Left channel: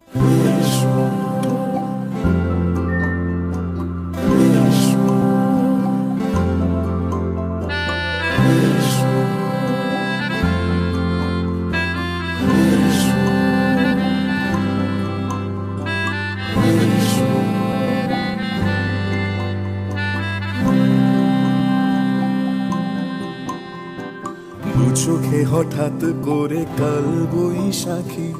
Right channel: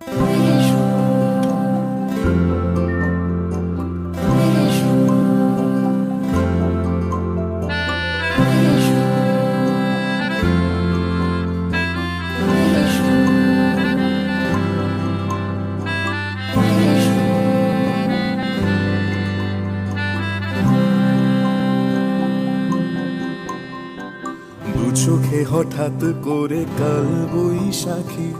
দু চোখে হঠাৎ করে কাল বৈশাখী,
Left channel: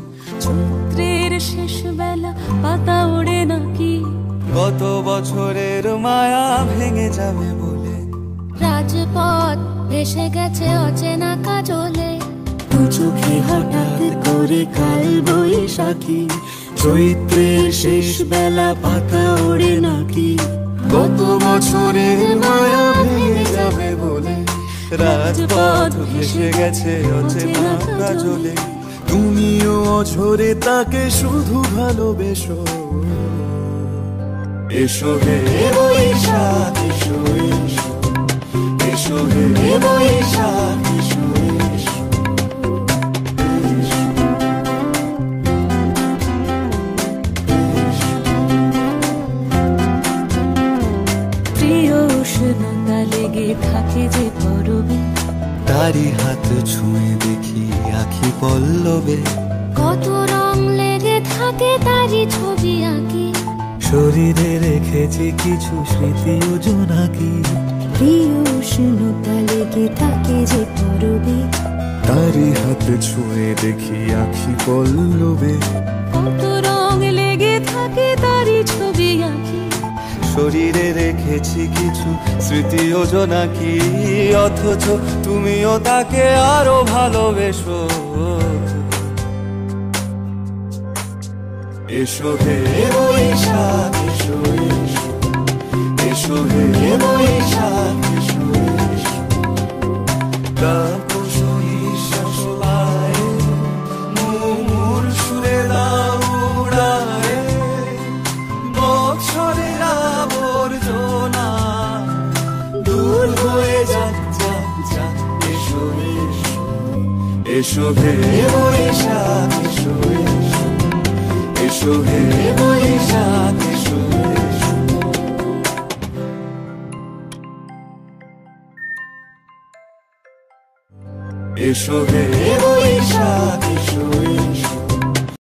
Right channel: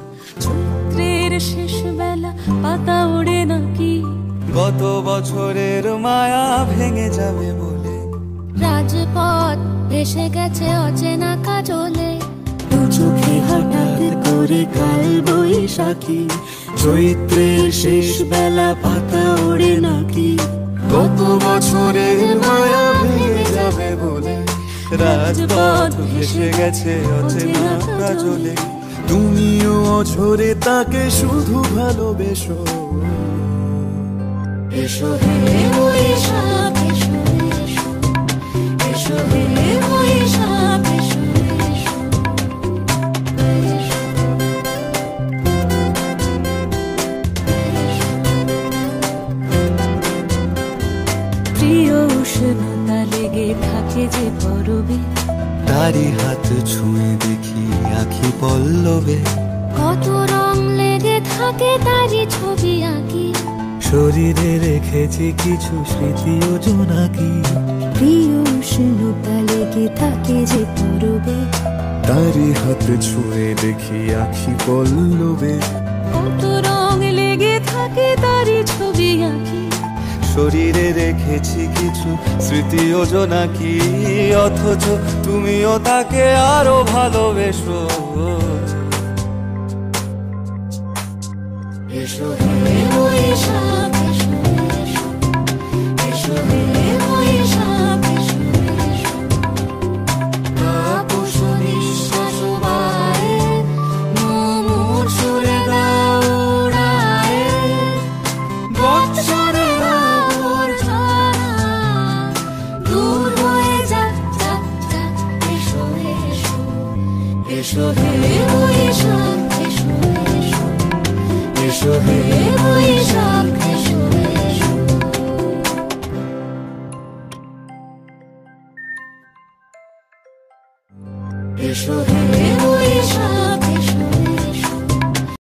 চৈত্রের শেষ বেলা পাতা ওড়ে নাকি, গত বছরের মায়া ভেঙে যাবে বলে রাজপথ ভেসে গেছে অচেনা কাজলে। দু চোখে হঠাৎ করে কাল বৈশাখী, চৈত্রের শেষ বেলা পাতা ওড়ে নাকি, গত বছরের মায়া ভেঙে যাবে বলে রাজপথ ভেসে গেছে অচেনা কাজলে। তুমিও অঝরে তাকে শুধু ভালোবেসো, এসো হে বৈশাখ এসো এসো, এসো হে বৈশাখ এসো এসো। প্রিয় উষ্ণতা লেগে থাকে যে পরবে, তারি হাত ছুঁয়ে দেখি আখি পল্লবে, কত রং লেগে থাকে তারই ছবি আঁকি, শরীরে রেখেছি কিছু স্মৃতি ও জোনাকি। প্রিয় উষ্ণতা লেগে থাকে যে পরবে, তারি হাত ছুঁয়ে দেখি আখি পল্লবে, কত রং লেগে থাকে তারই ছবি আঁকি, শরীরে রেখেছি কিছু স্মৃতি ও জোনাকি। অথচ তুমিও তাকে আরো ভালোবেসো, এসো হে বৈশাখ এসো এসো, এসো হে বৈশাখ এসো এসো। তাপস নিঃশ্বাস বায়ে, মুমুর সুরে দাও উড়ায়ে, বৎসরের আবর্জনা দূর হয়ে যাক যাক যাক। এসো এসো, এসো হে বৈশাখ এসো এসো, এসো হে বৈশাখ এসো এসো। এসো হে বৈশাখ এসো এসো।